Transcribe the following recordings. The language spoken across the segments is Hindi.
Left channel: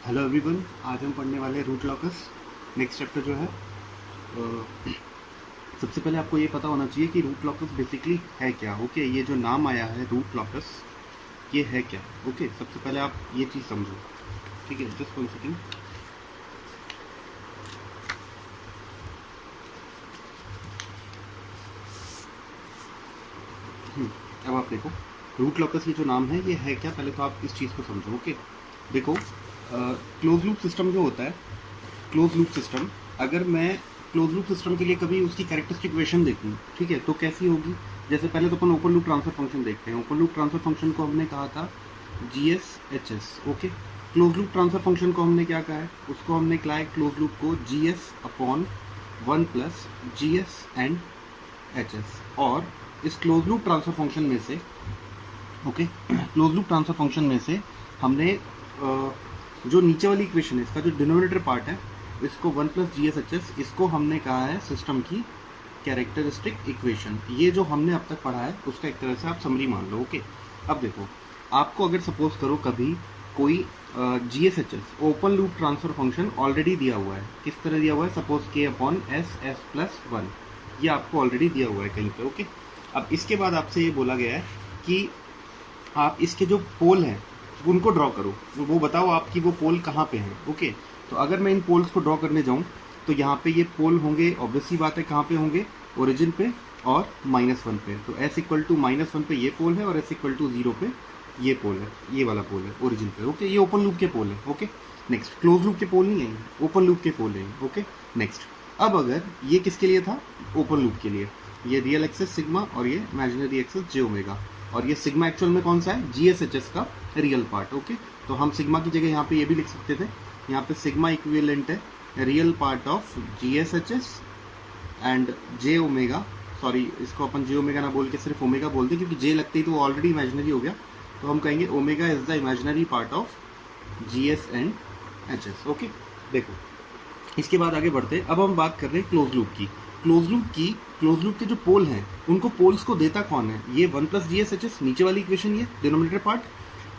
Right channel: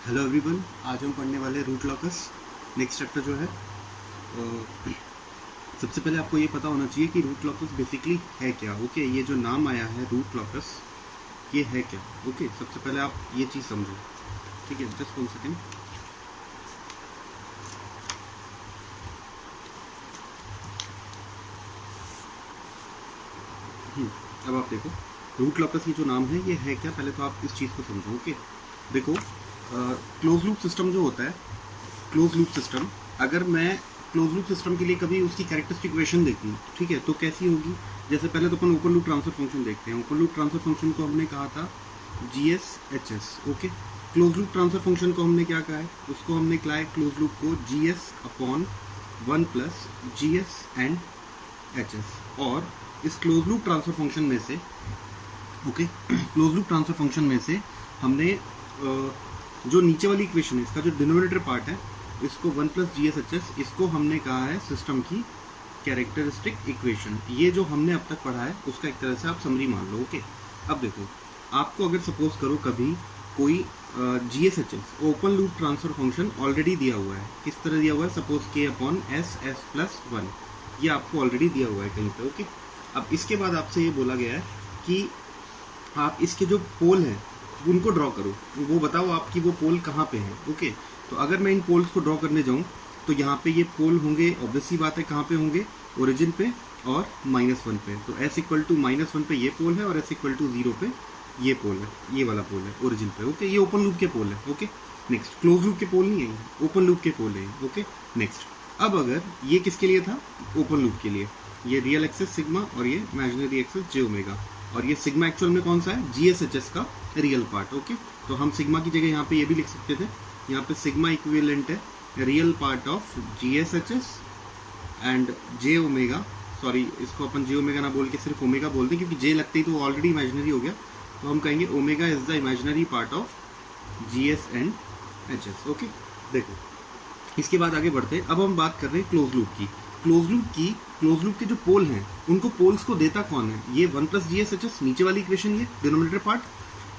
हेलो एवरीवन, आज हम पढ़ने वाले हैं रूट लॉकस। नेक्स्ट चैप्टर जो है सबसे पहले आपको ये पता होना चाहिए कि रूट लॉकस बेसिकली है क्या। ओके, ये जो नाम आया है रूट लॉकस, ये है क्या। ओके, सबसे पहले आप ये चीज़ समझो, ठीक है। Just 1 second. अब आप देखो, रूट लॉकस ये जो नाम है ये है क्या, पहले तो आप इस चीज़ को समझो। ओके, देखो, क्लोज लूप सिस्टम जो होता है, क्लोज लूप सिस्टम, अगर मैं क्लोज लूप सिस्टम के लिए कभी उसकी कैरेक्टरिस्टिक इक्वेशन देखूँ, ठीक है, तो कैसी होगी। जैसे पहले तो अपन ओपन लूप ट्रांसफर फंक्शन देखते हैं। ओपन लूप ट्रांसफर फंक्शन को हमने कहा था GS/HS। Okay, close loop transfer function को हमने क्या कहा है, उसको हमने कहा है क्लोज लूप को GS/1 plus GS and HS। और इस क्लोज लूप ट्रांसफर फंक्शन में से, okay, close loop transfer function में से हमने जो नीचे वाली इक्वेशन है, इसका जो डिनोमिनेटर पार्ट है, इसको 1 प्लस GS/HS, इसको हमने कहा है सिस्टम की कैरेक्टरिस्टिक इक्वेशन। ये जो हमने अब तक पढ़ा है उसका एक तरह से आप समरी मान लो। ओके, अब देखो, आपको अगर सपोज करो कभी कोई GS/HS open loop transfer function already दिया हुआ है, किस तरह दिया हुआ है, सपोज K/S/S+1, ये आपको ऑलरेडी दिया हुआ है कहीं पे। ओके, अब इसके बाद आपसे ये बोला गया है कि आप इसके जो पोल हैं उनको ड्रॉ करो, वो बताओ आपकी वो पोल कहाँ पे है। ओके, तो अगर मैं इन पोल्स को ड्रॉ करने जाऊँ तो यहाँ पे ये पोल होंगे, ऑब्वियसली बात है, कहाँ पे होंगे, ओरिजिन पे और -1 पे। तो S=-1 पे ये पोल है और S=0 पे ये पोल है, ये वाला पोल है ओरिजिन पे। ओके, ये ओपन लूप के पोल है। ओके, नेक्स्ट, क्लोज लूप के पोल नहीं है, ओपन लूप के पोल है। ओके, नेक्स्ट, अब अगर ये किसके लिए था, ओपन लूप के लिए, ये रियल एक्सेस सिग्मा और ये इमेजिनरी एक्सेस J⍵, और ये सिग्मा एक्चुअल में कौन सा है, GS/HS का रियल पार्ट। ओके, तो हम सिग्मा की जगह यहाँ पे ये भी लिख सकते थे, यहाँ पे सिग्मा इक्विवेलेंट है real part of GS/HS and J⍵, sorry इसको अपन J⍵ ना बोल के सिर्फ ओमेगा बोल दें, क्योंकि J लगते ही तो ऑलरेडी इमेजिनरी हो गया, तो हम कहेंगे omega is the imaginary part of GS and HS। Okay, देखो, इसके बाद आगे बढ़ते, अब हम बात कर रहे हैं क्लोज लूप की। क्लोज लूप के जो पोल हैं उनको पोल्स को देता कौन है, ये 1 प्लस GS/HS, नीचे वाली इक्वेशन ये डिनोमिनेटर पार्ट,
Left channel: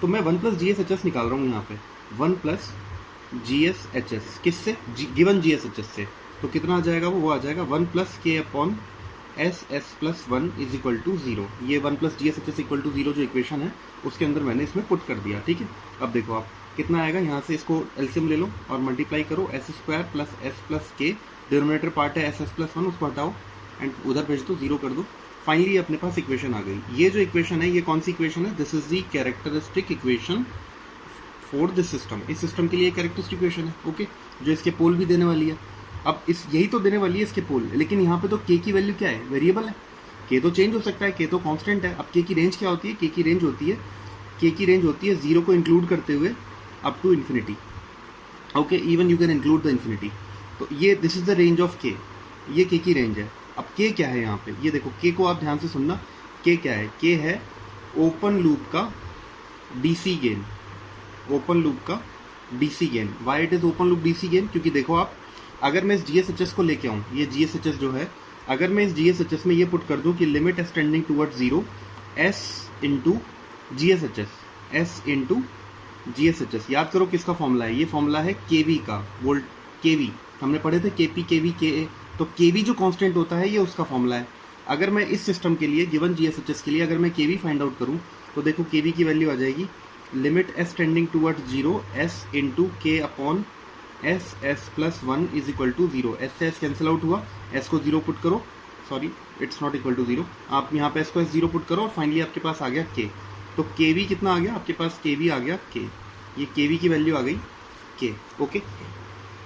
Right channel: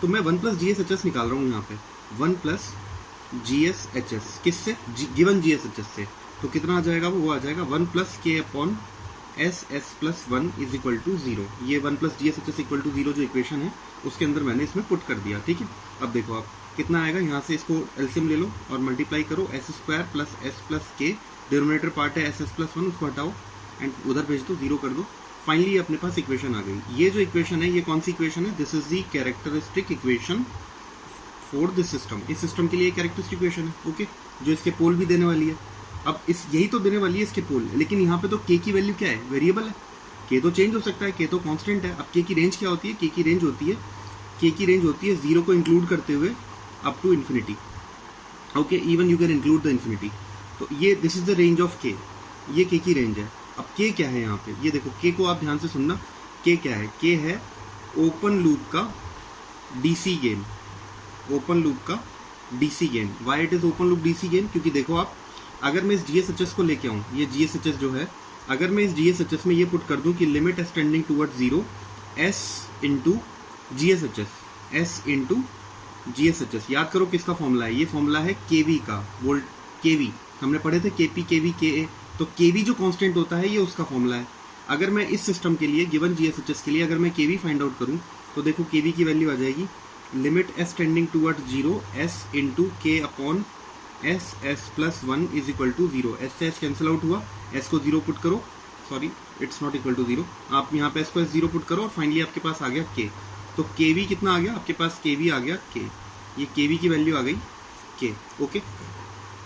तो मैं 1 प्लस GS/HS निकाल रहा हूँ यहाँ पे, 1 प्लस GS/HS किससे, गिवन GS/HS से, तो कितना आ जाएगा, वो आ जाएगा 1 plus K/S/S+1 is equal to 0। ये 1 प्लस GS/HS इक्वल टू 0 जो इक्वेशन है उसके अंदर मैंने इसमें पुट कर दिया। ठीक है, अब देखो आप कितना आएगा, यहाँ से इसको एलसीएम ले लो और मल्टीप्लाई करो, S² plus S plus K, denominator part है SS+1, उसको हटाओ एंड उधर भेज दो, 0 कर दो। फाइनली अपने पास इक्वेशन आ गई। ये जो इक्वेशन है ये कौन सी इक्वेशन है, this is the characteristic equation for this system. इस सिस्टम के लिए कैरेक्टरिस्टिक इक्वेशन है। ओके, जो इसके पोल भी देने वाली है। अब इस यही तो देने वाली है इसके पोल, लेकिन यहाँ पे तो K की वैल्यू क्या है, वेरिएबल है। K तो चेंज हो सकता है, K तो कांस्टेंट है। अब K की रेंज क्या होती है, K की रेंज होती है 0 को इंक्लूड करते हुए up to infinity. Okay, even you can include the infinity. तो ये this is the range of K, ये K की रेंज है। अब K क्या है यहाँ पे, ये देखो K को आप ध्यान से सुनना, K क्या है, K है ओपन लूप का DC गेन, ओपन लूप का DC gain. Why it is open loop DC gain, क्योंकि देखो आप, अगर मैं इस GS/HS को लेके आऊँ, ये GS/HS जो है, अगर मैं इस GS/HS में ये पुट कर दूं कि limit S tending towards 0 S into GS/HS, याद करो किसका फॉर्मूला है, ये फॉर्मूला है KV का, वोल्ट KV हमने पढ़े थे, KP KV KA, तो KV जो कांस्टेंट होता है ये उसका फॉर्मूला है। अगर मैं इस सिस्टम के लिए गिवन GS/HS के लिए अगर मैं KV फाइंड आउट करूं तो देखो KV की वैल्यू आ जाएगी limit S tending towards 0 S into K upon SS+1 is equal to 0। S से S कैंसिल आउट हुआ, S को 0 पुट करो, sorry it's not equal to 0, आप यहाँ पे S को S 0 पुट करो और फाइनली आपके पास आ गया K। तो KV कितना आ गया आपके पास, KV आ गया K, ये KV की वैल्यू आ गई K। ओके,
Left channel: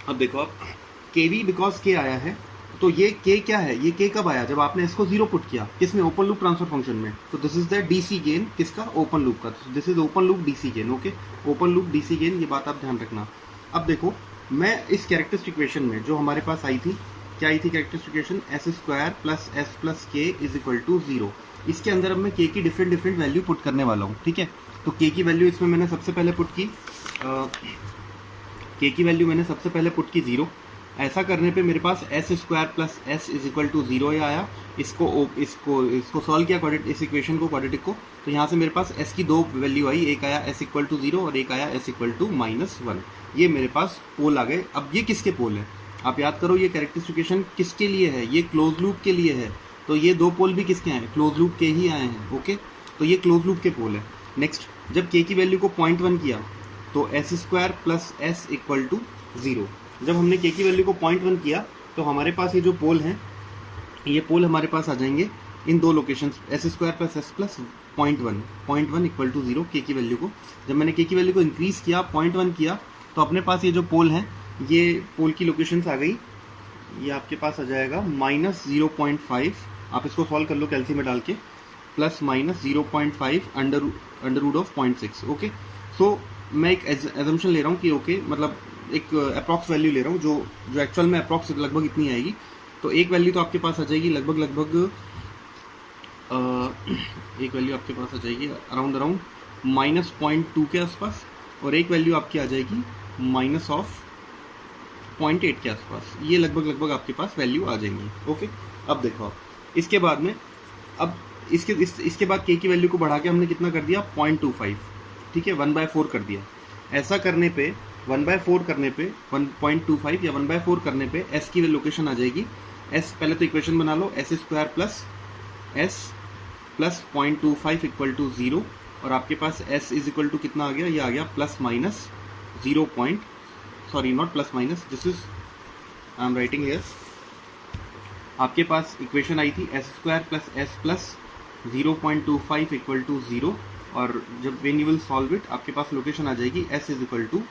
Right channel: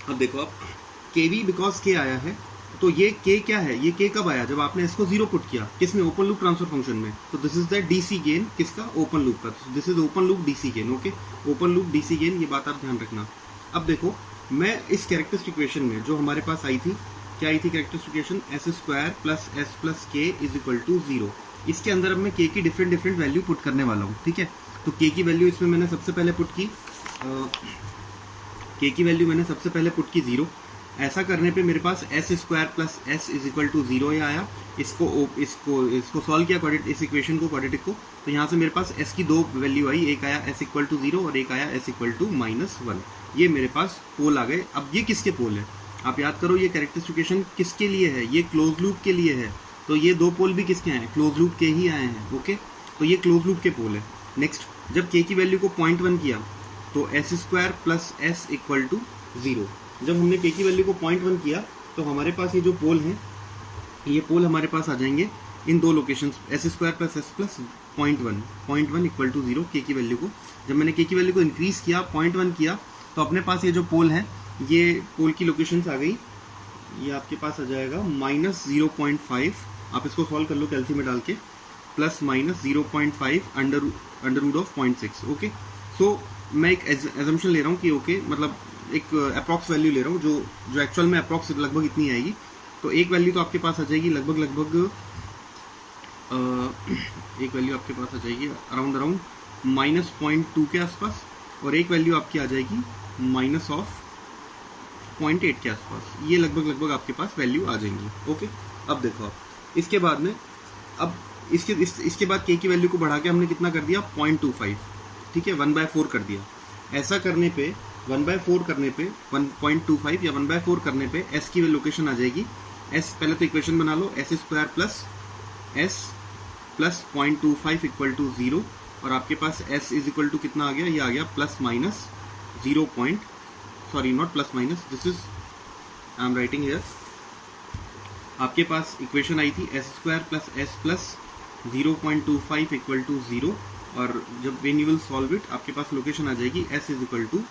अब देखो आप, KV बिकॉज K आया है, तो ये K क्या है, ये K कब आया, जब आपने इसको 0 पुट किया, किसमें, ओपन लूप ट्रांसफर फंक्शन में। तो this is the DC gain, किसका, ओपन लूप का, this is open loop DC gain. Okay, open loop DC gain, ये बात आप ध्यान रखना। अब देखो, मैं इस कैरेक्टरिस्टिक इक्वेशन में जो हमारे पास आई थी, क्या आई थी characteristic equation, S² plus S plus K is equal to 0। इसके अंदर अब मैं K की डिफरेंट वैल्यू पुट करने वाला हूँ। ठीक है, तो K की वैल्यू इसमें मैंने सबसे पहले पुट की, K की वैल्यू मैंने सबसे पहले पुट की 0, ऐसा करने पे मेरे पास S square plus S is equal to 0 ये आया। इसको सॉल्व किया इस इक्वेशन को, क्वाड्रेटिक को, तो यहाँ से मेरे पास एस की दो वैल्यू आई, एक आया एस इक्वल टू 0 और एक आया एस इक्वल टू -1। ये मेरे पास पोल आ गए। अब ये किसके पोल है? आप याद करो ये कैरेक्टरिस्टिकेशन किसके लिए है? ये क्लोज लूप के लिए है। तो ये दो पोल भी किसके हैं? क्लोज लूप के ही आए हैं। ओके, तो ये क्लोज लूप के पोल है। नेक्स्ट, जब के की वैल्यू को 0.1 किया तो S square plus S equal to 0। जब हमने के की वैल्यू को 0.1 किया तो हमारे पास ये जो पोल हैं, ये पोल हमारे पास आ जाएंगे इन दो location, S square plus S plus 0.1 equal to 0 के की वैल्यू को। जब मैंने के की वैल्यू को इंक्रीज किया, 0.1 किया, तो अपने पास ये जो पोल है, ये पोल की लोकेशंस आ गई। ये आपके पास आ जाएगा -0.5, आप इसको सॉल्व कर लो कैलसी में डाल के, plus -0.5 under root of 0.6। Okay, so मैं एक एजम्पशन ले रहा हूँ कि ओके, मतलब एक अप्रॉक्स वैल्यू ले रहा हूँ जो एक्चुअल में अप्रॉक्स लगभग इतनी आएगी। तो एक वैल्यू तो आपके पास आ जाएगी लगभग एक वैल्यू आपके पास आ जाएगी अराउंड -0.2 के आसपास, और एक वैल्यू आपकी आ जाएगी -0.8 के आसपास। ये लगभग आपके पास वैल्यू आ जाएंगी। ओके, अब देखो आप इसके बाद में, अब इसके बाद के की वैल्यू को बढ़ा के हमने कितना कर दिया? 0.25, ठीक है, 1/4 कर दिया। ऐसा करने पे 1/4 करने पे 1.25 या 1/4 करने पे एस की लोकेशन आ जाएगी। एस पहले तो इक्वेशन बना लो, S square plus S plus 0.25 equal to 0, और आपके पास एस इज इक्वल टू कितना आ गया? ये आ गया plus minus 0. Sorry, not plus minus, this is I am writing here. आपके पास इक्वेशन आई थी S square plus S plus 0.25 equal to 0, और जब when you will solve it आपके पास लोकेशन आ जाएगी एस इज इक्वल टू,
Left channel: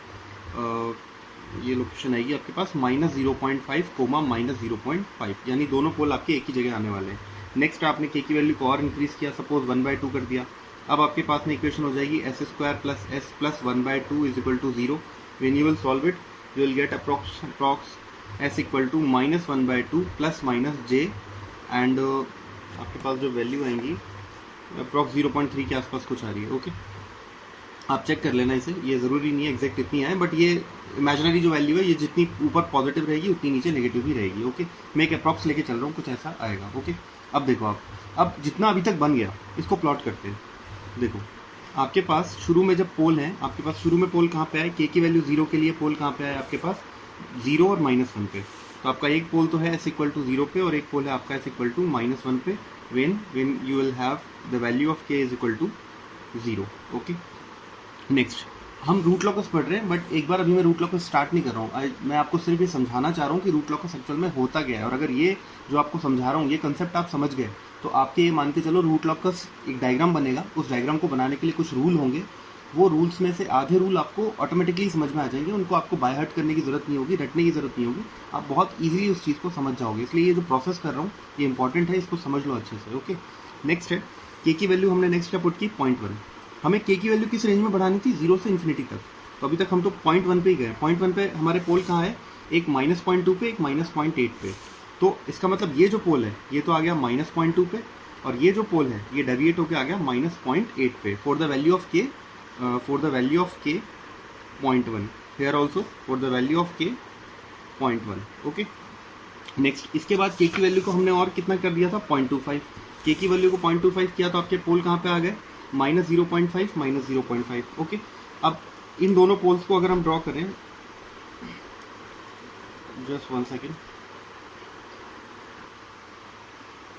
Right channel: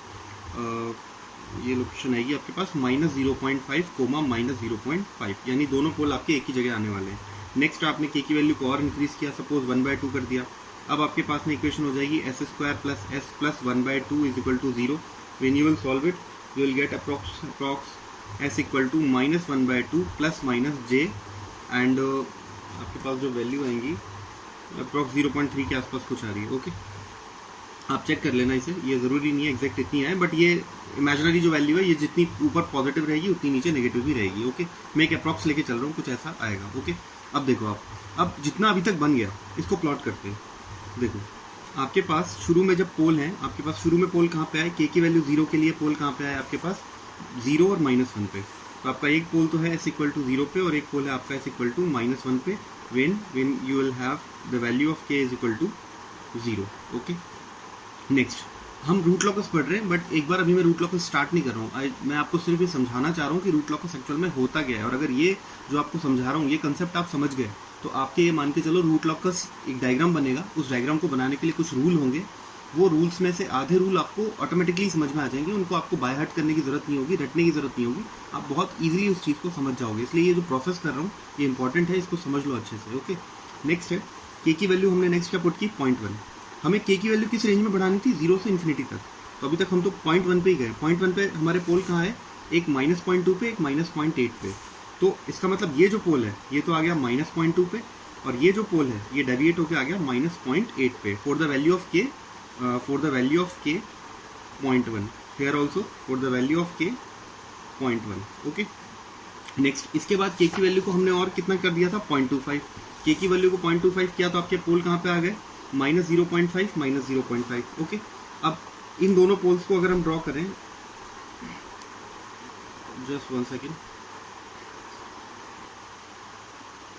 ये लोकेशन आएगी आपके पास -0.5 कोमा -0.5, यानी दोनों पोल आपके एक ही जगह आने वाले हैं। नेक्स्ट, आपने के की वैल्यू को और इंक्रीज किया, सपोज 1/2 कर दिया। अब आपके पास में इक्वेशन हो जाएगी S square plus S plus 1/2 is equal to 0। When you will solve it you will get approx S equal to -1/2 plus minus J, and आपके पास जो वैल्यू आएंगी अप्रॉक्स 0.3 के आसपास कुछ आ रही है। ओके, आप चेक कर लेना इसे, ये ज़रूरी नहीं है एग्जैक्ट इतनी है, बट ये इमेजिनरी जो वैल्यू है, ये जितनी ऊपर पॉजिटिव रहेगी उतनी नीचे नेगेटिव भी रहेगी। ओके, मैं एक अप्रॉक्स लेके चल रहा हूँ, कुछ ऐसा आएगा। ओके, अब देखो आप, अब जितना अभी तक बन गया इसको प्लॉट करते हैं। देखो आपके पास शुरू में जब पोल है, आपके पास शुरू में पोल कहाँ पे आए? के की वैल्यू 0 के लिए पोल कहाँ पे आए? आपके पास 0 और -1 पे। तो आपका एक पोल तो है एस इक्वल टू 0 पे, और एक पोल है आपका एस इक्वल टू -1 पे, when you will have the value of K is equal to 0। Okay, next, हम रूट लॉकस पढ़ रहे हैं, बट एक बार अभी मैं रूट लॉकस स्टार्ट नहीं कर रहा हूँ। मैं आपको सिर्फ ये समझाना चाह रहा हूँ कि रूट लॉकस एक्चुअल में होता क्या है, और अगर ये जो आपको समझा रहा हूँ ये कंसेप्ट आप समझ गए तो आपके ये मान के चलो रूट लॉकस एक डायग्राम बनेगा। उस डायग्राम को बनाने के लिए कुछ रूल होंगे, वो रूल्स में से आधे रूल आपको ऑटोमेटिकली समझ में आ जाएंगे, उनको आपको बाय हार्ट करने की जरूरत नहीं होगी, रटने की जरूरत नहीं होगी, आप बहुत ईजिली उस चीज़ को समझ जाओगे। इसलिए ये जो प्रोसेस कर रहा हूँ ये इंपॉर्टेंट है, इसको समझ लो अच्छे से। ओके, नेक्स्ट है के की वैल्यू हमने नेक्स्ट क्या पुट की? 0.1। हमें के की वैल्यू किस रेंज में बढ़ानी थी? 0 से इन्फिनिटी तक। तो अभी तक हम तो 0.1 पे ही गए। 0.1 पे हमारे पोल कहाँ है? एक -0.2 पे, एक -0.8 पे। तो इसका मतलब ये जो पोल है ये तो आ गया -0.2 पे, और ये जो पोल है ये डेविएट होकर आ गया -0.8 पे। For the value of K 0.1, here also for the value of K 0.1। Okay, next, इसके बाद के की वैल्यू को हमने और कितना कर दिया था? 0.25। के की वैल्यू को 0.25 किया तो आपके पोल कहाँ पे आ गए? -0.5 -0.5। ओके, अब इन दोनों पोल्स को अगर हम ड्रॉ करें, जस्ट 1 सेकेंड।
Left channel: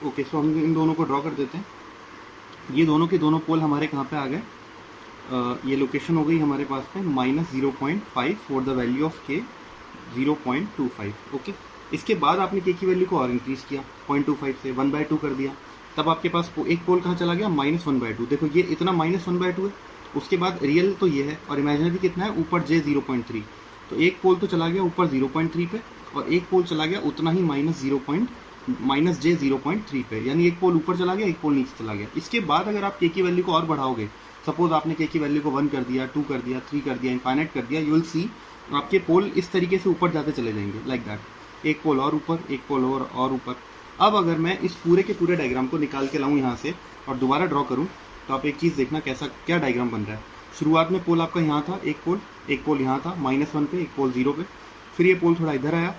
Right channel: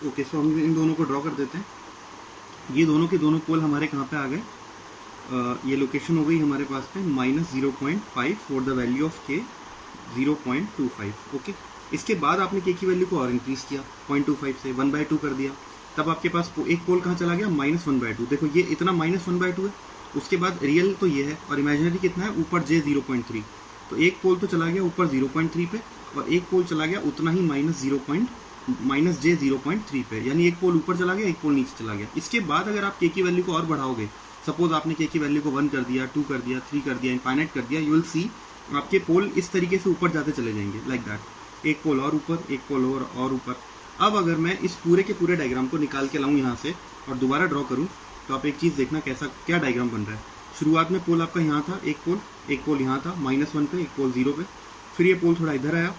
ओके, सो हम इन दोनों को ड्रॉ कर देते हैं। ये दोनों के दोनों पोल हमारे कहाँ पे आ गए? ये लोकेशन हो गई हमारे पास पे -0.5 फॉर द वैल्यू ऑफ के 0.25। ओके, इसके बाद आपने के की वैल्यू को और इंक्रीज किया 0.25 से 1/2 कर दिया, तब आपके पास एक पोल कहाँ चला गया? -1/2। देखो ये इतना -1/2 है, उसके बाद रियल तो ये है और इमेजिनरी कितना है? ऊपर j 0.3। तो एक पोल तो चला गया ऊपर 0.3 पे, और एक पोल चला गया उतना ही -j 0.3 पे, यानी एक पोल ऊपर चला गया, एक पोल नीचे चला गया। इसके बाद अगर आप के की वैल्यू को और बढ़ाओगे, सपोज आपने के की वैल्यू को 1 कर दिया, 2 कर दिया, 3 कर दिया, इनफाइनाइट कर दिया, यू विल सी आपके पोल इस तरीके से ऊपर जाते चले जाएंगे, लाइक दैट। एक पोल और ऊपर, एक पोल और ऊपर। अब अगर मैं इस पूरे के पूरे डायग्राम को निकाल के लाऊं यहाँ से और दोबारा ड्रॉ करूँ, तो आप एक चीज़ देखना कैसा क्या डायग्राम बन रहा है। शुरुआत में पोल आपका यहाँ था, एक पोल यहाँ था -1 पे, एक पोल 0 पे, फिर ये पोल थोड़ा इधर आया,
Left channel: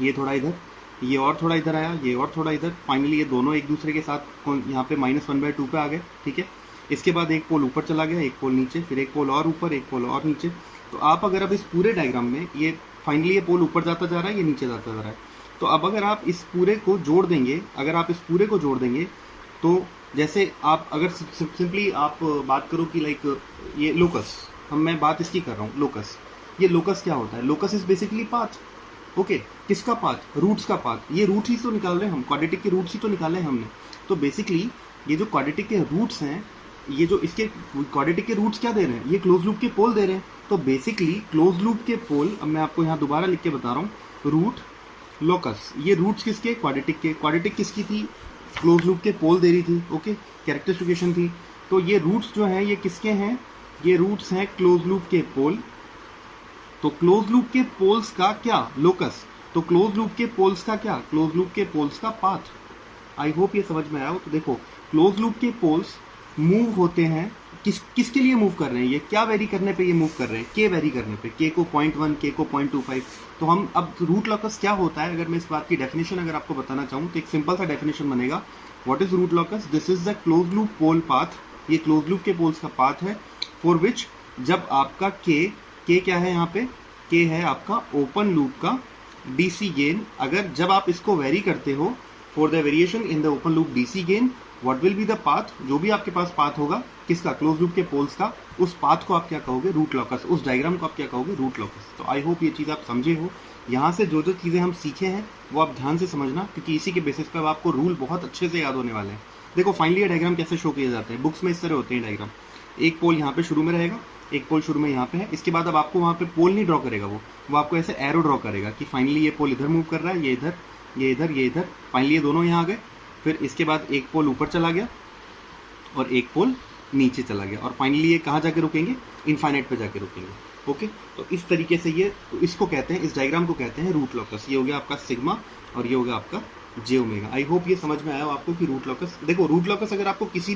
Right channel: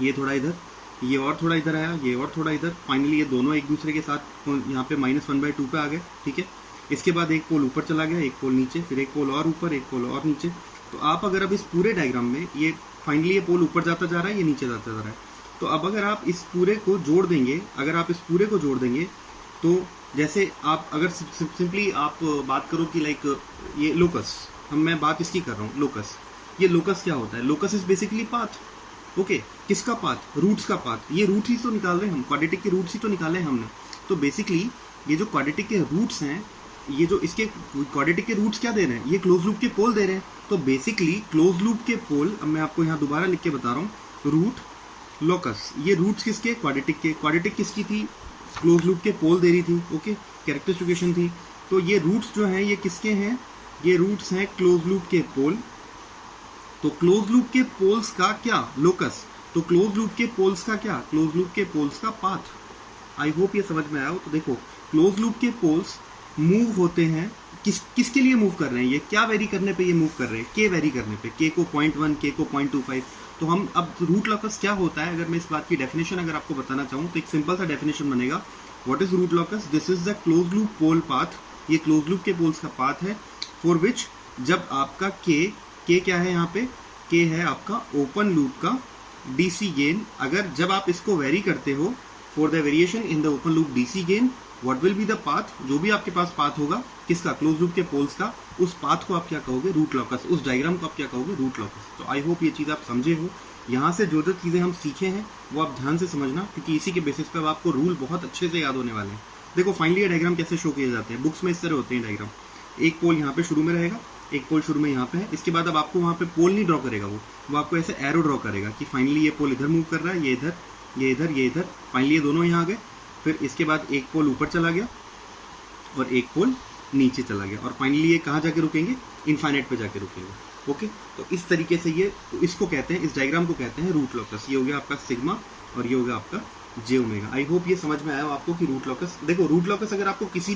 ये थोड़ा इधर, ये और थोड़ा इधर आया, ये और थोड़ा इधर, फाइनली ये दोनों एक दूसरे के साथ यहाँ पे -1/2 पे आ गए, ठीक है। इसके बाद एक पोल ऊपर चला गया, एक पोल नीचे, फिर एक पोल और ऊपर, एक पोल और नीचे। तो आप अगर अब इस पूरे डायग्राम में ये फाइनली ये पोल ऊपर जाता जा रहा है, ये नीचे जाता जा रहा है। तो अब अगर आप इस पूरे को जोड़ देंगे, अगर आप इस पूरे को जोड़ देंगे, तो जैसे आप अगर सिंपली आप बात करो कि लाइक ये लोकस, मैं बात इसकी कर रहा हूँ, लोकस। ये लोकस क्या होता है? Locus is basically path. Okay, किसका पाथ? रूट्स का पाथ। ये रूट ही तो निकाल रहे हैं हम, क्वाड्रेटिक के रूट्स ही तो निकाले हैं हमने। तो बेसिकली ये जो क्वाड्रेटिक के रूट्स हैं, ये जो इसके क्वाड्रेटिक के रूट्स क्या दे रहे हैं? ये क्लोज लूप के पोल दे रहे हैं। तो बेसिकली क्लोज लूप के पोल, अब मैं आपको यहाँ दोबारा लिख के बता रहा हूँ, रूट लोकस। ये रूट्स किसके? क्वाड्रेटिक के। क्वाड्रेटिक किसकी थी? क्लोज लूप के पोल दे रही थी। ओके, कैरेक्टरिस्टिफिकेशन थी। तो ये रूट्स जो हैं ये किसके हैं? ये रूट्स हैं क्लोज लूप के पोल। तो क्लोज लूप के पोल्स का क्या? लोकस। तो क्लोज लूप के पोल्स का क्या? क्लोज लूप के पोल्स का पाथ। आई होप ये समझ में आया हो। तो देखो, क्लोज लूप के पोल्स मूव होते हैं, किसके लिए मूव कर रहे हैं? ये क्या वेरी करने पे ये मूव कर रहे हैं? के वेरी करने पे, के को 0.1, के को 0.25। तो हम अब रूट लॉकस क्या होता है, अगर मैं इस बात की डेफिनेशन अगर आपको बताना चाहूँ तो एक सिंपल सा डेफिनेशन बनेगा। What is root locus? This is the close loop pole path. ये क्लोज लूप के पोल्स का पाथ है, फॉर विच जब आपका के क्या है यहाँ पे? के है आपका ओपन लूप का डीसी गेन। अगर जब आप इसको वेरी करते हो, for the variation in the open loop DC gain, what will be the path? जो भी आपके पास पाथ होगा, किसका? क्लोज लूप के पोल्स का, उस पाथ को आप क्या कहोगे? रूट लॉकस। उस डायग्राम को आप क्या कहोगे? रूट लॉकस। तो आई होप ये चीज़ आप समझे हो। यहाँ से जो जो चीज़ें हम सीखे हैं वो आप ध्यान से समझना, क्योंकि इसी के बेसिस पर आपको रूल बहुत अच्छे से याद होने वाले हैं। देखो फाइनली ये डायग्राम कैसे शो किए जाते हैं, बुक्स में इस तरह होते हैं डायग्राम। एक पोल यहाँ पे शुरू में रहेगा, एक पोल शुरू में यहाँ पे है। इसके बाद अब आपको वहाँ पे पोल नहीं ड्रॉ करेगा, वो आपको ऐसे एरो ड्रॉ करेगा कि फाइनली ये पोल इधर मूव कर रहा है, ये इधर, ये इधर, ये इधर, फाइनली ये दोनों यहाँ आ गए। फिर इसके बाद एक पोल ऊपर चला गया और एक पोल नीचे चला गया, और फाइनली ये कहाँ जाके रुकेंगे? इनफाइनाइट पे जाके रुकेंगे। ओके, तो इस तरीके से ये इसको कहते हैं, इस डायग्राम को कहते हैं रूट लॉकस। ये हो गया आपका सिग्मा और ये हो गया आपका जे ओमेगा। आई होप ये समझ में आया हो आपको कि रूट लॉकस। देखो रूट लॉकस अगर आपको किसी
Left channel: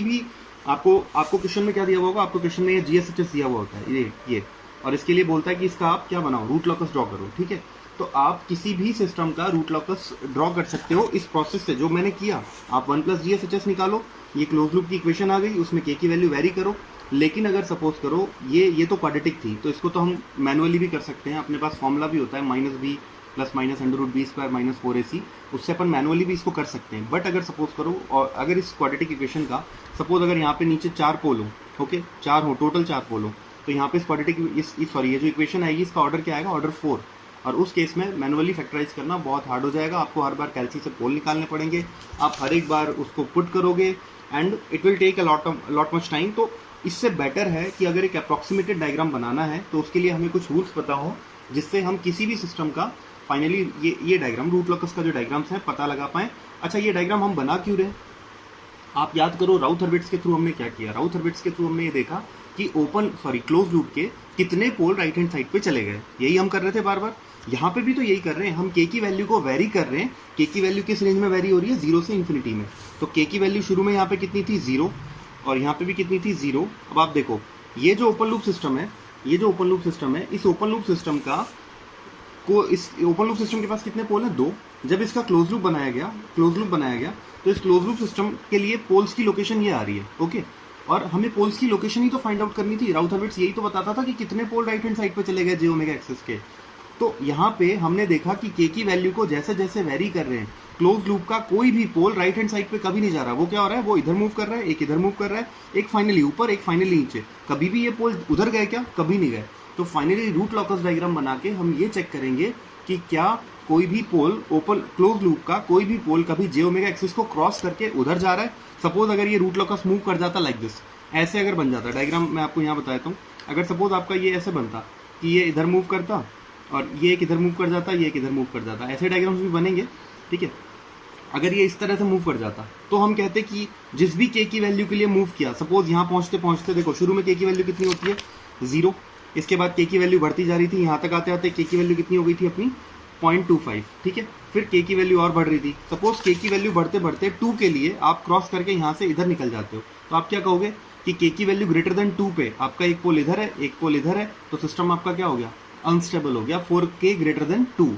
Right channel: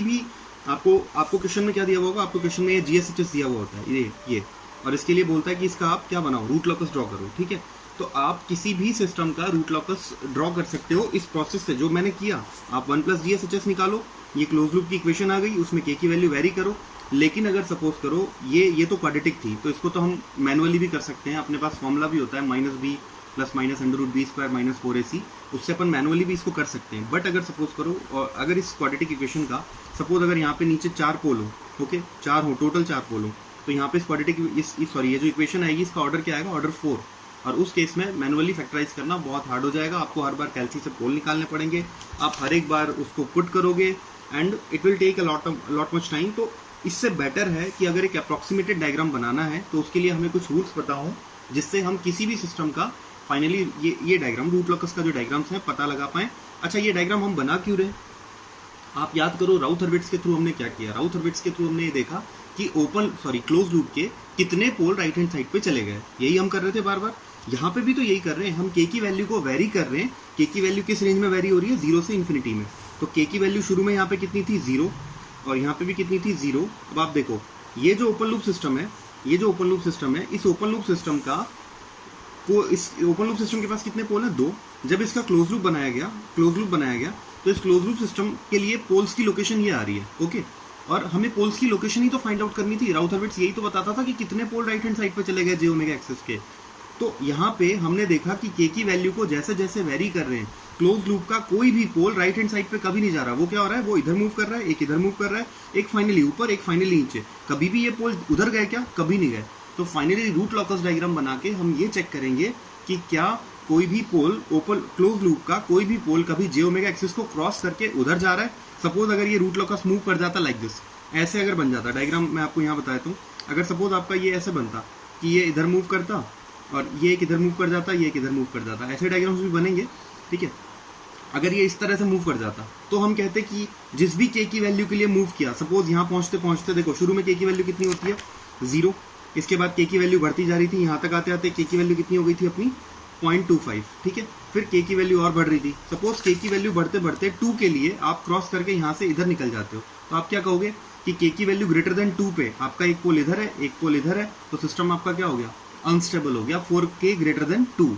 भी आपको क्वेश्चन में क्या दिया हुआ होगा? आपको क्वेश्चन में ये GSHS दिया हुआ होता है, ये और इसके लिए बोलता है कि इसका आप क्या बनाओ? रूट लॉकस ड्रॉ करो, ठीक है। तो आप किसी भी सिस्टम का रूट लॉकस ड्रॉ कर सकते हो इस प्रोसेस से जो मैंने किया। आप 1 + GSHS निकालो, ये क्लोज लूप की इक्वेशन आ गई, उसमें के की वैल्यू वेरी करो। लेकिन अगर सपोज करो ये तो क्वाड्रेटिक थी, तो इसको तो हम मैनुअली भी कर सकते हैं। अपने पास फॉर्मूला भी होता है -b + -√b² - 4ac, उससे अपन मैनुअली भी इसको कर सकते हैं। बट अगर सपोज करो, और अगर इस क्वाड्रेटिक इक्वेशन का सपोज अगर यहाँ पे नीचे 4 पोल हो, ओके 4 हो, टोटल 4 पोल हो, तो यहाँ पे इस क्वाड्रेटिक ये जो इक्वेशन आएगी इसका ऑर्डर क्या आएगा? ऑर्डर 4। और उस केस में मैनुअली फैक्टराइज करना बहुत हार्ड हो जाएगा। आपको हर बार कैलसी से पोल निकालने पड़ेंगे, आप हर एक बार उसको पुट करोगे and it will take a lot much time. तो इससे बेटर है कि अगर एक अप्रॉक्सीमेटेड डायग्राम बनाना है तो उसके लिए हमें कुछ रूल्स पता हो, जिससे हम किसी भी सिस्टम का फाइनली ये डायग्राम रूट लॉकस का जो डायग्राम्स है पता लगा पाएं। अच्छा, ये डायग्राम हम बना क्यों रहे? आप याद करो राउथ-हर्विट्ज़ के थ्रू हमने क्या किया? राउथ-हर्विट्ज़ के थ्रू हमने ये देखा कि क्लोज लूप के कितने पोल राइट हैंड साइड पे चले गए। यही हम कर रहे थे बार बार। यहाँ पे भी तो यही कर रहे हैं, हम के की वैल्यू को वेरी कर रहे हैं। के की वैल्यू किस रेंज में वेरी हो रही है? 0 से इन्फिनिटी में। तो के की वैल्यू शुरू में यहाँ पे कितनी थी? 0, और यहाँ पे भी कितनी थी? 0। अब आप देखो ये जो ओपन लूप सिस्टम है, इस ओपन लूप सिस्टम के पास कितने पोल हैं? 2। जब इसका क्लोज लूप बनाया गया तो इस क्लोज लूप सिस्टम के लिए पोल्स की लोकेशन ये आ रही है, ओके। और हमें पोल्स की लोकेशन ही तो फाइंड आउट करनी थी। राउथ-हर्विट्ज़ यही तो बताता था कि कितने पोल राइट हैंड साइड पे चले गए जे ओमेगा एक्सिस के। तो यहाँ पे हमने देखा कि के की वैल्यू को जैसे जैसे वेरी कर रहे हैं, क्लोज लूप का कोई भी पोल राइट हैंड साइड पे कभी नहीं जा रहा। वो क्या हो रहा है? वो इधर मूव कर रहा है, एक इधर मूव कर रहा है, एक फाइनली ऊपर, एक फाइनली नीचे। कभी भी ये पोल उधर गए क्या? कभी नहीं गए। तो फाइनली रूट लॉकस डायग्राम बना के हम ये चेक करेंगे कि क्या कोई भी पोल ओपन क्लोज लूप का कोई भी पोल कभी जे ओमेगा एक्सिस को क्रॉस करके उधर जा रहा है। सपोज अगर ये रूट लॉकस मूव कर जाता लाइक दिस, ऐसे अगर बन जाता डायग्राम, मैं आपको यहाँ बताता हूँ। अगर सपोज आपका ये ऐसे बनता कि ये इधर मूव करता और ये एक इधर मूव कर जाता, ये एक इधर मूव कर जाता, ऐसे डायग्राम्स भी बनेंगे, ठीक है। अगर ये इस तरह से मूव कर जाता तो हम कहते कि जिस भी के की वैल्यू के लिए मूव किया, सपोज यहाँ पहुँचते पहुँचते देखो शुरू में के की वैल्यू कितनी होती है? 0। इसके बाद के की वैल्यू बढ़ती जा रही थी, यहाँ तक आते आते के की वैल्यू कितनी हो गई थी अपनी? 0.25, ठीक है। फिर के की वैल्यू और बढ़ रही थी। सपोज के की वैल्यू बढ़ते बढ़ते 2 के लिए आप क्रॉस करके यहाँ से इधर निकल जाते हो, तो आप क्या कहोगे कि के की वैल्यू ग्रेटर देन 2 पे आपका एक पोल इधर है, एक पोल इधर है, तो सिस्टम आपका क्या हो गया? अनस्टेबल हो गया। 4k ग्रेटर देन 2,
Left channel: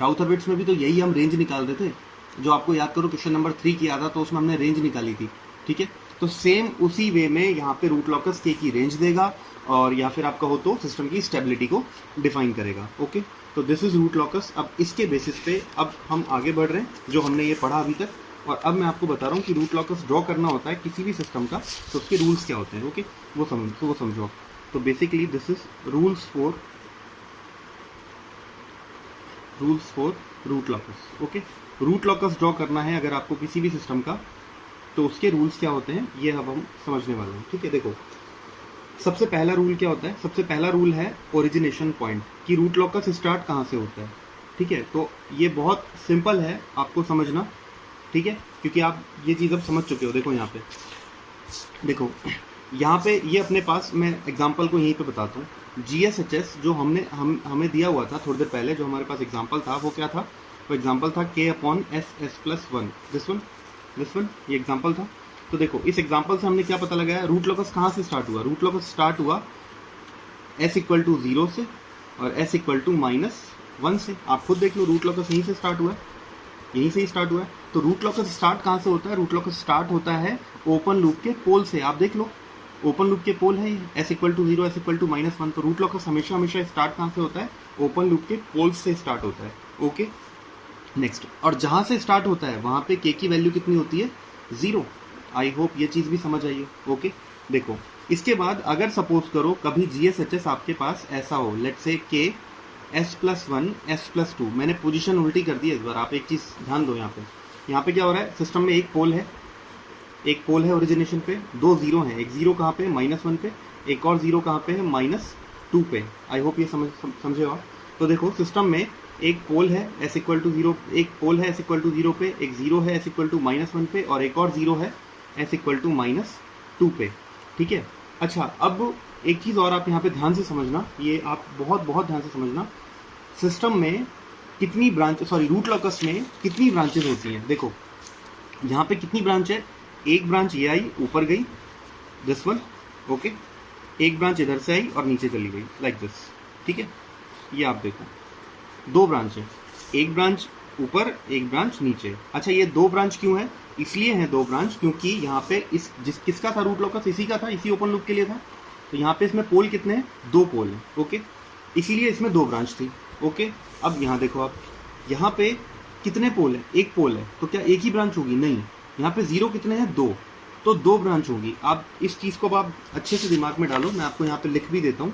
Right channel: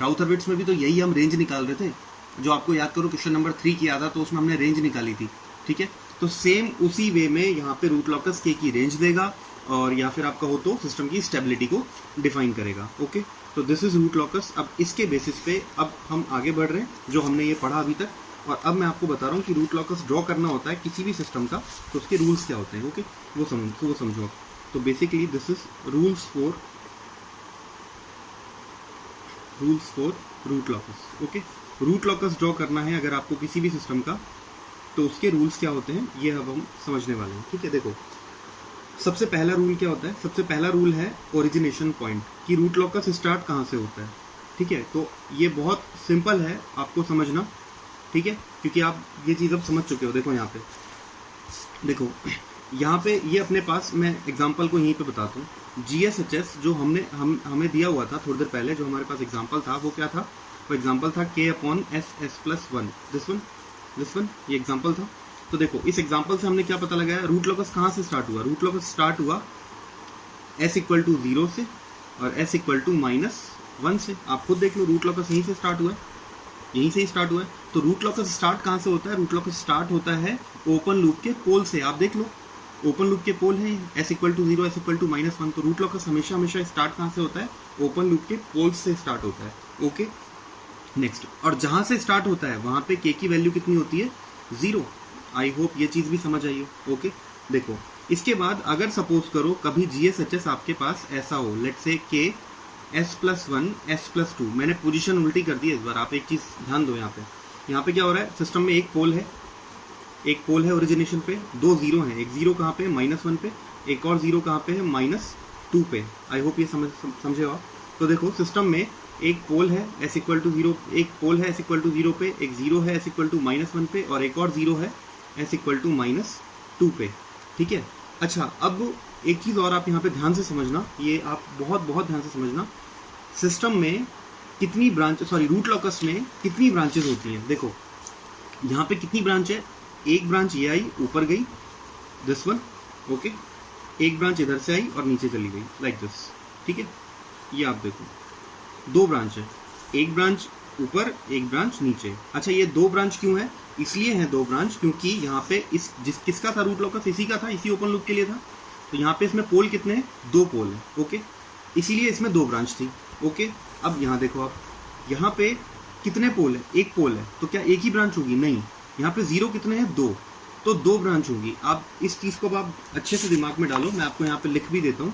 राउथरविट्स में भी तो यही हम रेंज निकाल रहे थे, जो आपको याद करो क्वेश्चन नंबर 3 किया था तो उसमें हमने रेंज निकाली थी, ठीक है। तो सेम उसी वे में यहाँ पे रूट लॉकस के की रेंज देगा और या फिर आप कहो तो सिस्टम की स्टेबिलिटी को डिफाइन करेगा। ओके, तो दिस इज रूट लॉकस। अब इसके बेसिस पे अब हम आगे बढ़ रहे हैं जो हमने ये पढ़ा अभी तक, और अब मैं आपको बता रहा हूँ कि रूट लॉकस ड्रॉ करना होता है किसी भी सिस्टम का तो उसके रूल्स क्या होते हैं। ओके, वो समझो। तो basically this is rules for root locus. Okay, root locus draw करना है अगर आपको किसी भी सिस्टम का, तो उसके रूल्स क्या होते हैं ये अब हम समझने वाले हैं, ठीक है। देखो, सबसे पहला रूल क्या होता है? सबसे पहला रूल है ओरिजिनेशन पॉइंट, कि रूट लॉकस स्टार्ट कहाँ से होता है, ठीक है। तो ये बहुत सिंपल है आपको समझना, ठीक है, क्योंकि आप ये चीज़ अब समझ चुके हो। देखो यहाँ पे, देखो यहाँ पे ये अपने पास, मैं एग्जांपल को यहीं पे बताता हूँ। GSHS जो हमें दिया हुआ था थोड़ी देर पहले, जो हमारे पास एग्जांपल था वो क्या था? वो एग्जांपल था K/S+1, दिस वन ये एग्जांपल था। तो देखो इस एग्जांपल से हमने क्या पता लगाया? रूट लॉकस कहाँ से स्टार्ट हुआ? रूट लॉकस स्टार्ट हुआ S=0 से और S=-1 से। आप खुद देख लो, रूट लॉकस यहीं से स्टार्ट हुआ है, यहीं से ही स्टार्ट हुआ है। तो रूट लॉकस स्टार्ट कहाँ से होता है? रूट लॉकस स्टार्ट होता है ओपन लूप के पोल से। आप देख लो, ओपन लूप के पोल है S=0, S=-1। तो रूट लॉकस हमेशा स्टार्ट कहाँ से होता है? ओपन लूप के पोल से स्टार्ट होता है। ओके, नेक्स्ट, और जहां से स्टार्ट होता है वहां पे के की वैल्यू कितनी होती है? 0। आई होप ये चीज भी समझ आई हो। ओके, देखो इसके बाद अगर सपोज करो कभी GSHS आपके पास ऐसा हो, let's say K S+1 S+2, मैंने पोजीशन उल्टी कर दी है इस बार। आप एक चीज ध्यान दो, यहाँ पे क्या हो रहा है? सिस्टम में एक पोल है ओरिजिनेशन पे, 2 जीरो हैं। एक जीरो कहाँ पे? -1 पे। एक और जीरो कहाँ पे है? -2 पे। आई होप ये समझे हो आप। तो देखो सिस्टम में एक पोल है S=0, एक पोल है S=0 पे, एक जीरो है S=-1 पे, और एक और जीरो है S=-2 पे, ठीक है। अच्छा, अब एक चीज और आप यहाँ पे ध्यान से समझना, ये आप बहुत ध्यान से समझना। सिस्टम में कितनी ब्रांच, रूट लॉकस में कितनी ब्रांचेस होती हैं? देखो यहाँ पे कितनी ब्रांच है? एक ब्रांच ये आई, ऊपर गई, दिस वन। ओके, एक ब्रांच इधर से आई और नीचे चली गई, लाइक दिस, ठीक है। ये आप देखो, 2 ब्रांच है, एक ब्रांच ऊपर, एक ब्रांच नीचे। अच्छा, ये 2 ब्रांच क्यों है? इसलिए है 2 ब्रांच क्योंकि यहाँ पे किसका था रूट लॉकस? इसी का था, इसी ओपन लूप के लिए था। तो यहाँ पे इसमें पोल कितने हैं? 2 पोल हैं। ओके, इसीलिए इसमें 2 ब्रांच थी। ओके, अब यहाँ देखो आप, यहाँ पे कितने पोल है? एक पोल है, तो क्या एक ही ब्रांच होगी? नहीं, यहाँ पे जीरो कितने हैं? 2, तो 2 ब्रांच होगी। आप इस चीज को आप अच्छे से दिमाग में डालो, मैं आपको यहाँ पे लिख भी देता हूँ।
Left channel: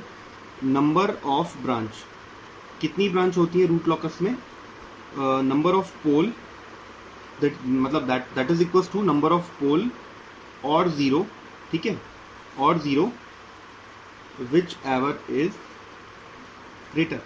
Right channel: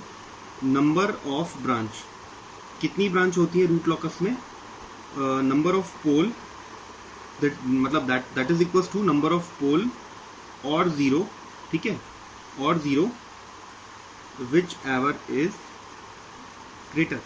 नंबर ऑफ ब्रांच, कितनी ब्रांच होती है रूट लॉकस में? Number of pole, that is equals to number of pole और जीरो, ठीक है, और zero whichever is greater,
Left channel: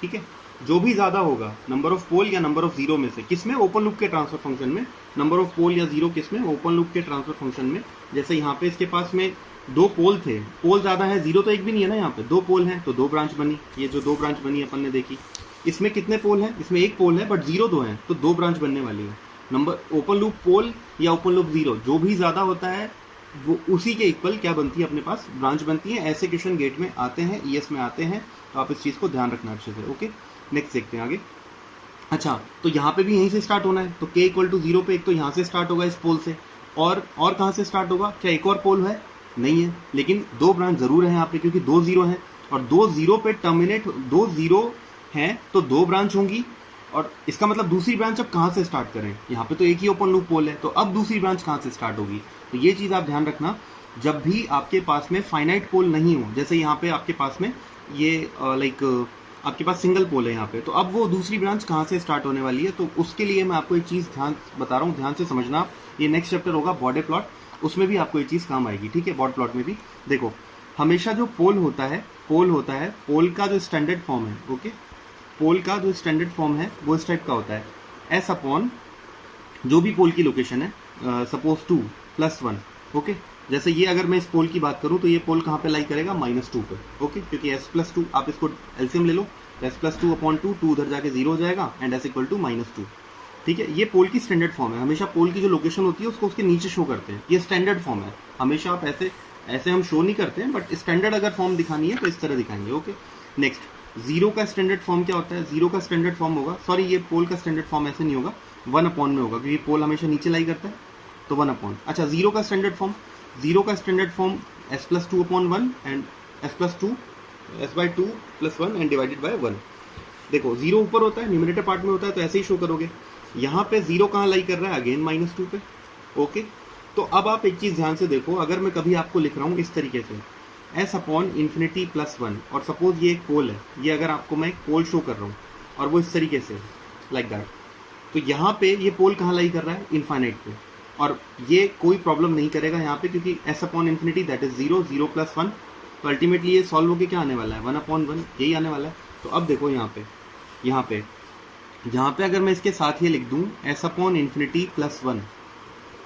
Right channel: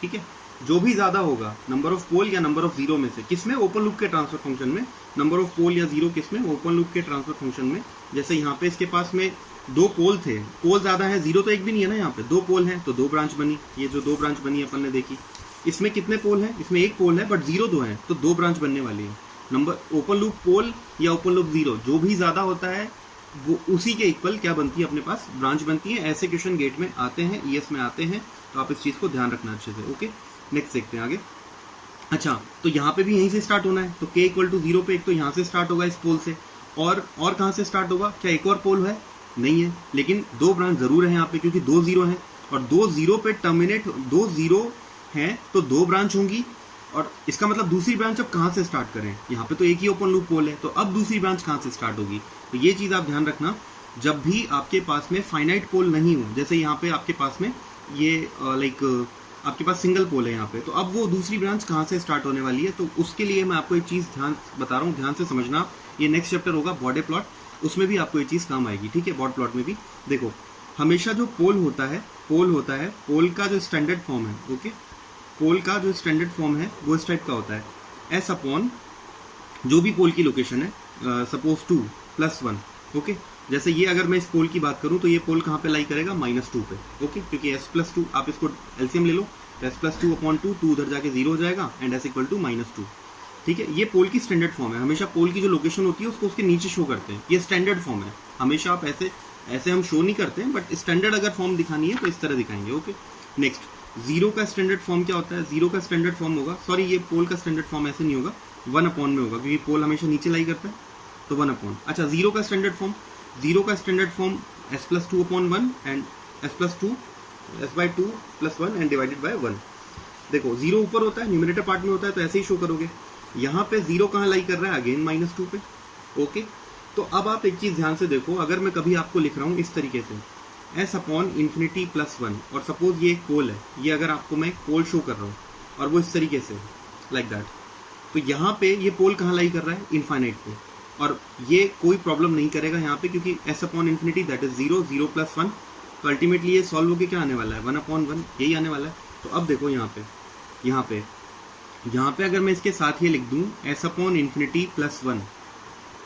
ठीक है। जो भी ज्यादा होगा, नंबर ऑफ पोल या नंबर ऑफ जीरो में से, किसमें? ओपन लूप के ट्रांसफर फंक्शन में। नंबर ऑफ पोल या जीरो किसमें? ओपन लूप के ट्रांसफर फंक्शन में। जैसे यहाँ पे इसके पास में 2 पोल थे, पोल ज्यादा है, जीरो तो एक भी नहीं है ना, यहाँ पे 2 पोल हैं तो 2 ब्रांच बनी। ये जो 2 ब्रांच बनी अपन ने देखी, इसमें कितने पोल हैं? इसमें एक पोल है बट जीरो 2 हैं, तो 2 ब्रांच बनने वाली है। नंबर ओपन लूप पोल या ओपन लूप जीरो, जो भी ज्यादा होता है वो उसी के इक्वल क्या बनती है? अपने पास ब्रांच बनती है। ऐसे क्वेश्चन गेट में आते हैं, ES में आते हैं, तो आप इस चीज को ध्यान रखना अच्छे से। ओके, नेक्स्ट देखते हैं आगे। अच्छा, तो यहाँ पे भी यहीं से स्टार्ट होना है, तो K=0 पे एक तो यहाँ से स्टार्ट होगा इस पोल से, और कहाँ से स्टार्ट होगा? क्या एक और पोल है? नहीं है, लेकिन 2 ब्रांच जरूर है यहाँ पे, क्योंकि 2 जीरो हैं, और 2 जीरो पे टर्मिनेट, 2 जीरो हैं तो 2 ब्रांच होंगी। और इसका मतलब दूसरी ब्रांच अब कहाँ से स्टार्ट करें? यहाँ पे तो एक ही ओपन लूप पोल है, तो अब दूसरी ब्रांच कहाँ से स्टार्ट होगी? तो ये चीज आप ध्यान रखना, जब भी आपके पास में फाइनाइट पोल नहीं हो, जैसे यहाँ पे आपके पास में ये आपके पास सिंगल पोल है यहाँ पे, तो अब वो दूसरी ब्रांच कहाँ से स्टार्ट होने वाली है? तो उसके लिए मैं आपको एक चीज बता रहा हूँ, ध्यान से समझना। ये नेक्स्ट चैप्टर होगा बॉर्डर प्लॉट, उसमें भी आपको ये चीज काम आएगी, ठीक है। बॉर्डर प्लॉट में भी देखो, हमेशा जो पोल होता है, पोल का जो स्टैंडर्ड फॉर्म है, ओके, पोल का जो स्टैंडर्ड फॉर्म है वो इस टाइप का होता है, S अपॉन जो भी पोल की लोकेशन है, सपोज 2+1। ओके, जैसे ये अगर मैं इस पोल की बात करूं तो ये पोल कहाँ पे लाई करेगा? -2 पे। ओके, क्योंकि S+2, आप इसको एलसीएम ले लो, S+2/2, 2 उधर जाके 0 हो जाएगा, एंड S=-2, ठीक है। ये पोल की स्टैंडर्ड फॉर्म है। हमेशा पोल की जो लोकेशन होती है उसको उसके नीचे शो करते हैं, ये स्टैंडर्ड फॉर्म है। हमेशा आप ऐसे हम शो नहीं करते हैं, बट स्टैंडर्ड अगर फॉर्म दिखानी है तो इस तरह दिखाएंगे। ओके, नेक्स्ट, जीरो का स्टैंडर्ड फॉर्म क्या होता है? जीरो का स्टैंडर्ड फॉर्म होगा, सॉरी ये पोल का स्टैंडर्ड फॉर्म ऐसे नहीं होगा, 1 अपॉन में होगा क्योंकि पोल हमेशा नीचे लाई करता है, तो 1 अपॉन। अच्छा जीरो का स्टैंडर्ड फॉर्म, जीरो का standard form s+2 upon 1 and s+2 s/2 + 1 and divided by 1। देखो जीरो ऊपर होता है, न्यूमरेटर पार्ट में होता है, तो ऐसे ही शो करोगे। यहाँ पे जीरो कहाँ लाई कर रहा है? अगेन -2 पे। ओके, तो अब आप एक चीज ध्यान से देखो, अगर मैं कभी आपको लिख रहा हूँ इस तरीके से s अपॉन इन्फिनिटी +1 और सपोज ये एक पोल है, ये अगर आपको मैं एक पोल शो कर रहा हूँ और वो इस तरीके से लाइक दैट, तो यहाँ पे ये पोल कहाँ लाई कर रहा है? इनफाइनाइट पे, और ये कोई प्रॉब्लम नहीं करेगा यहाँ पे क्योंकि s upon infinity that is 0, 0 + 1, तो अल्टीमेटली ये सॉल्व होकर क्या आने वाला है? 1/1 यही आने वाला है। तो अब देखो यहाँ पे अगर मैं इसके साथ ये लिख दूँ s अपॉन इन्फिनिटी +1,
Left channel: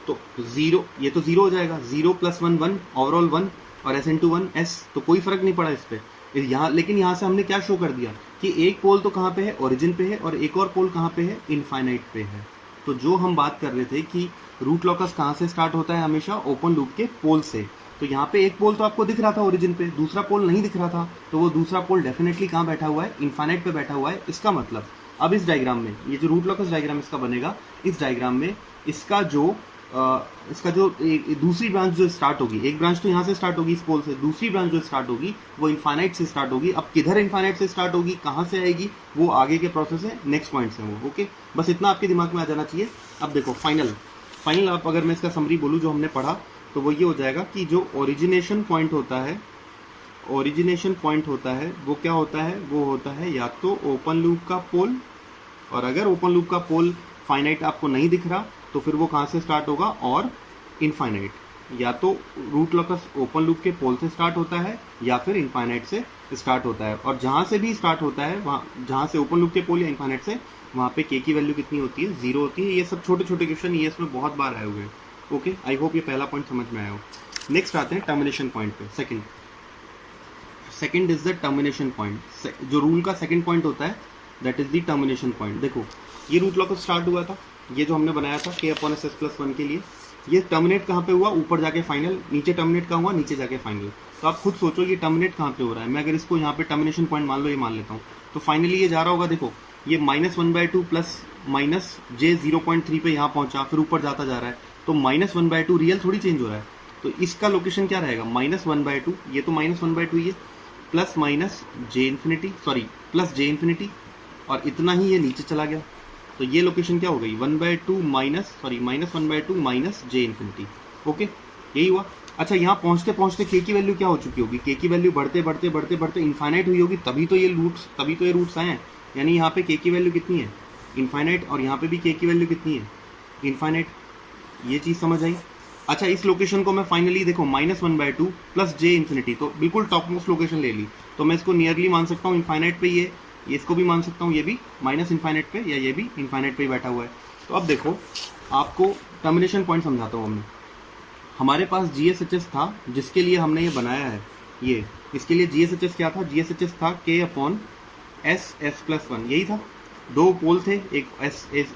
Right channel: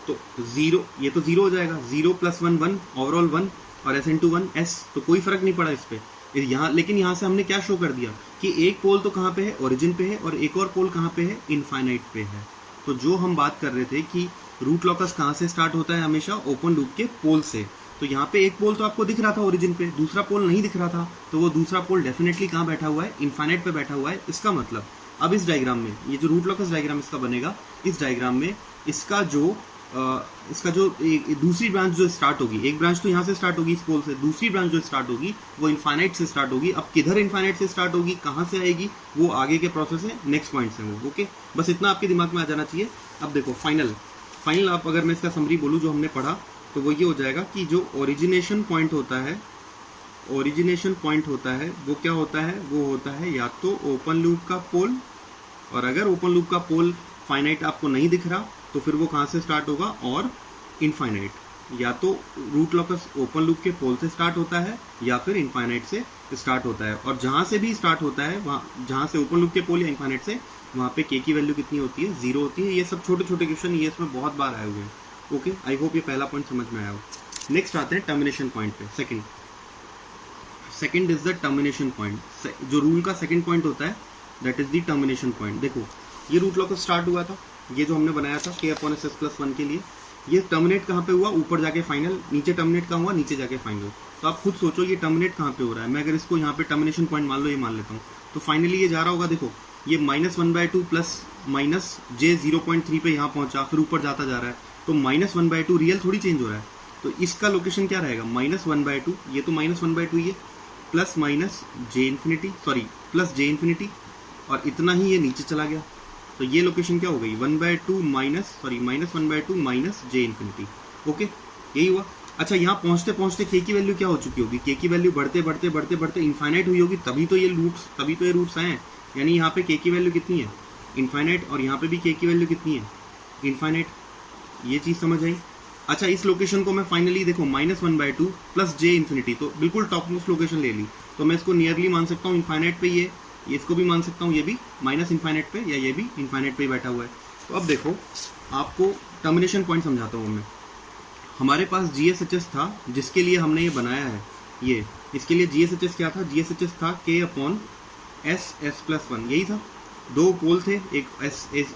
तो 0, ये तो 0 हो जाएगा, 0 + 1 1, ओवरऑल 1 और s × 1 s, तो कोई फर्क नहीं पड़ा इस पे यहाँ। लेकिन यहाँ से हमने क्या शो कर दिया कि एक पोल तो कहाँ पे है? ओरिजिन पे है, और एक और पोल कहाँ पे है? इनफाइनाइट पे है। तो जो हम बात कर रहे थे कि रूट लॉकस कहाँ से स्टार्ट होता है? हमेशा ओपन लूप के पोल से। तो यहाँ पे एक पोल तो आपको दिख रहा था ओरिजिन पे, दूसरा पोल नहीं दिख रहा था, तो वो दूसरा पोल डेफिनेटली कहाँ बैठा हुआ है? इनफाइनाइट पे बैठा हुआ है। इसका मतलब अब इस डायग्राम में ये जो रूट लॉकस डायग्राम इसका बनेगा, इस डायग्राम में इसका जो दूसरी ब्रांच जो स्टार्ट होगी, एक ब्रांच तो यहाँ से स्टार्ट होगी इस पोल से, दूसरी ब्रांच जो स्टार्ट होगी वो इनफाइनाइट से स्टार्ट होगी। अब किधर इनफाइनाइट से स्टार्ट होगी, कहाँ से आएगी, वो आगे के प्रोसेस है, नेक्स्ट पॉइंट है वो। ओके, बस इतना आपके दिमाग में आ जाना चाहिए। अब देखो फाइनल आप अगर मैं इसका समरी बोलूँ जो हमने पढ़ा, तो वो ये हो जाएगा कि जो ओरिजिनेशन पॉइंट होता है वो क्या होता है? वो होता है या तो ओपन लूप का पोल, और अगर ओपन लूप का पोल फाइनाइट आपको नहीं दिख रहा तो फिर वो कहाँ से स्टार्ट होगा? और इनफाइनाइट, या तो रूट लॉकस ओपन लूप के पोल से स्टार्ट होता है या फिर इनफाइनाइट से स्टार्ट होता है। और जहाँ से भी स्टार्ट होता है, वहाँ जहाँ से ओपन लूप के पोल या इनफाइनाइट से, वहाँ पे k की वैल्यू कितनी होती है? 0 होती है। ये सब छोटे छोटे क्वेश्चन ये इसमें बहुत बार आए हुए हैं। ओके, आई होप ये पहला पॉइंट समझ में आया हो। नेक्स्ट आते हैं टर्मिनेशन पॉइंट पे। Second is the termination point. जो रूल का सेकंड पॉइंट होता है that is the termination point. देखो ये रूट लॉकस स्टार्ट हुआ था, ये जो हमने बनाया था k/s+1 के लिए, ये टर्मिनेट कहाँ पे हुआ? ऊपर जाके फाइनल, नीचे टर्मिनेट कहाँ हुआ? नीचे जाके फाइनल। तो आप खुद सोचो ये टर्मिनेट कहाँ पे हो रहा है। मैं अगर इसको यहाँ पे टर्मिनेशन पॉइंट मान लो, ये मान लेता हूँ, तो फाइनली ये जा रहा होगा, देखो ये -1/2 प्लस -j0.3 पे यहाँ पहुंचा, फिर ऊपर जाता जा रहा है, तो -1/2 रियल थोड़ी चेंज हो रहा है। तो इसका लोकेशन क्या रहेगा? -1/2, ये तो -1/2 ही है, प्लस j इन्फिनिटी, और इतना ही ये नीचे चला गया, तो ये लोकेशन क्या हो गई? -1/2 - j इन्फिनिटी। ओके, यही हुआ। अच्छा, यहाँ पहुँचते पहुँचते k की वैल्यू क्या हो चुकी होगी? k की वैल्यू बढ़ते इनफाइनाइट हुई होगी, तभी तो ये रूट्स आए हैं। यानी यहाँ पे k की वैल्यू कितनी है? इनफाइनाइट, और यहाँ पे भी k की वैल्यू कितनी है? इनफाइनाइट। ये चीज़ समझ आई? अच्छा, इस लोकेशन को मैं फाइनली देखो -1/2 प्लस j इन्फिनिटी, तो बिल्कुल टॉप मोस्ट लोकेशन ले ली, तो मैं इसको नियरली मान सकता हूँ इनफाइनाइट पे, ये इसको भी मान सकता हूँ, ये भी माइनस इनफाइनाइट पे, या ये भी इनफाइनाइट पे ही बैठा हुआ है। तो अब देखो आपको टर्मिनेशन पॉइंट समझाता हूँ मैं। हमारे पास GSHS था जिसके लिए हमने ये बनाया है, ये इसके लिए GSHS क्या था? GSHS था k/s+1, यही था। दो पोल थे, एक s =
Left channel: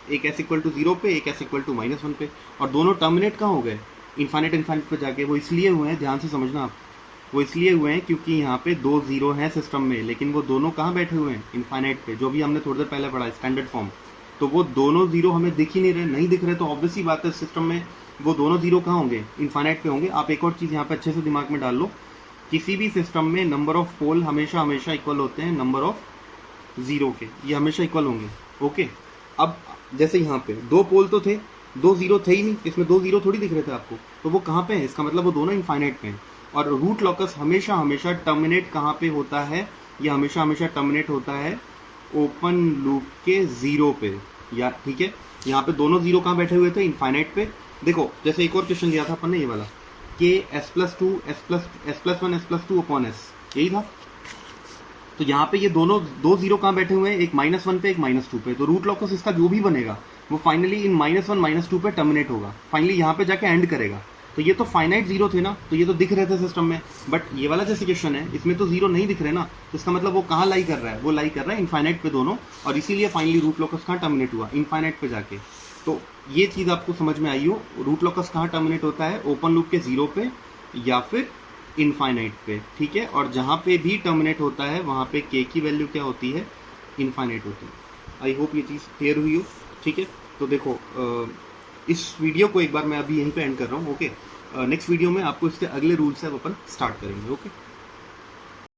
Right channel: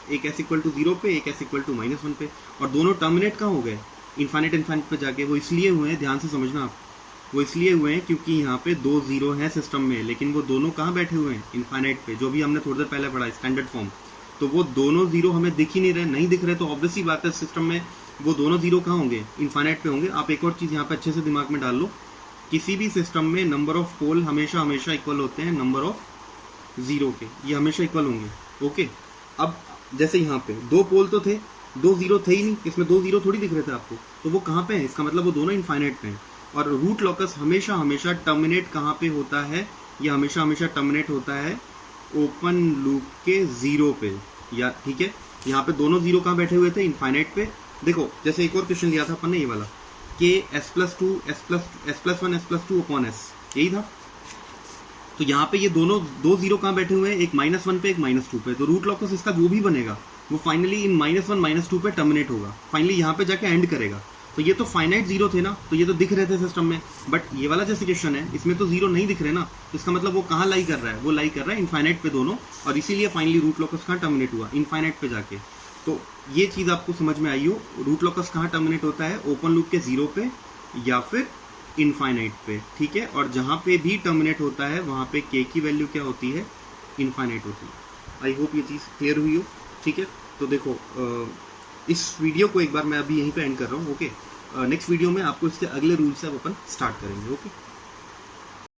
0 पे, एक s = -1 पे, और दोनों टर्मिनेट कहाँ हो गए? इनफाइनाइट पे जाके। वो इसलिए हुए हैं, ध्यान से समझना आप, वो इसलिए हुए हैं क्योंकि यहाँ पे 2 0 हैं सिस्टम में, लेकिन वो दोनों कहाँ बैठे हुए हैं? इनफाइनाइट पे, जो भी हमने थोड़ी देर पहले पढ़ा स्टैंडर्ड फॉर्म। तो वो दोनों 0 हमें दिख ही नहीं दिख रहे, तो ऑब्वियसली बात है सिस्टम में वो दोनों 0 कहाँ होंगे? इनफाइनाइट पे होंगे। आप एक और चीज़ यहाँ पे अच्छे से दिमाग में डाल लो, किसी भी सिस्टम में नंबर ऑफ पोल हमेशा इक्वल होते हैं नंबर ऑफ 0 के, ये हमेशा इक्वल होंगे। ओके, अब जैसे यहाँ पे 2 पोल तो थे, 2 0 थे ही नहीं, इसमें 2 0 थोड़ी दिख रहे थे आपको, तो वो कहाँ पे है? इसका मतलब वो दोनों इनफाइनाइट पे हैं। और रूट लॉकस हमेशा टर्मिनेट कहाँ पे होता है? ये हमेशा टर्मिनेट होता है ओपन लूप के 0 पे, या ठीक है, यहाँ पे दोनों 0 कहाँ बैठे हुए थे? इनफाइनाइट पे। देखो जैसे एक और क्वेश्चन दिया था अपन ने, ये वाला k/s+2 s+1 s+2 upon s, यही था। तो यहाँ पे ये दोनों 2 0 कहाँ बैठे हुए हैं? एक -1 पे, एक -2 पे। तो रूट लॉकस इसका जो भी बनेगा वो फाइनली इन -1 -2 पे टर्मिनेट होगा, फाइनली यहाँ पे जाके एंड करेगा। तो ये तो फाइनाइट 0 थे ना, तो ये तो दिख रहे थे सिस्टम में, बट ये वाला जैसे क्वेश्चन है इसमें तो 0 नहीं दिख रहे ना, तो इसका मतलब वो कहाँ लाई कर रहा है? वो लाई कर रहा है इनफाइनाइट पे दोनों, और इसीलिए फाइनली रूट लॉकस कहाँ टर्मिनेट हुआ? इनफाइनाइट पे जाके। तो ये चीज़ आपको समझ में आई हो, रूट लॉकस कहाँ टर्मिनेट होता है? ओपन लूप के 0 पे या फिर इनफाइनाइट पे, ठीक है। और जहाँ पे भी टर्मिनेट होता है वहाँ पे के की वैल्यू क्या होती है, इनफाइनाइट होती है। आई होप ये चीज़ क्लियर हुई हो, ठीक है। तो देखो इस वीडियो को एक बार मैं अभी यहीं पे एंड कर रहा हूँ, ओके। नेक्स्ट वीडियो में आपको इसके अगले रूल से अब अपन स्टार्ट करेंगे, ओके।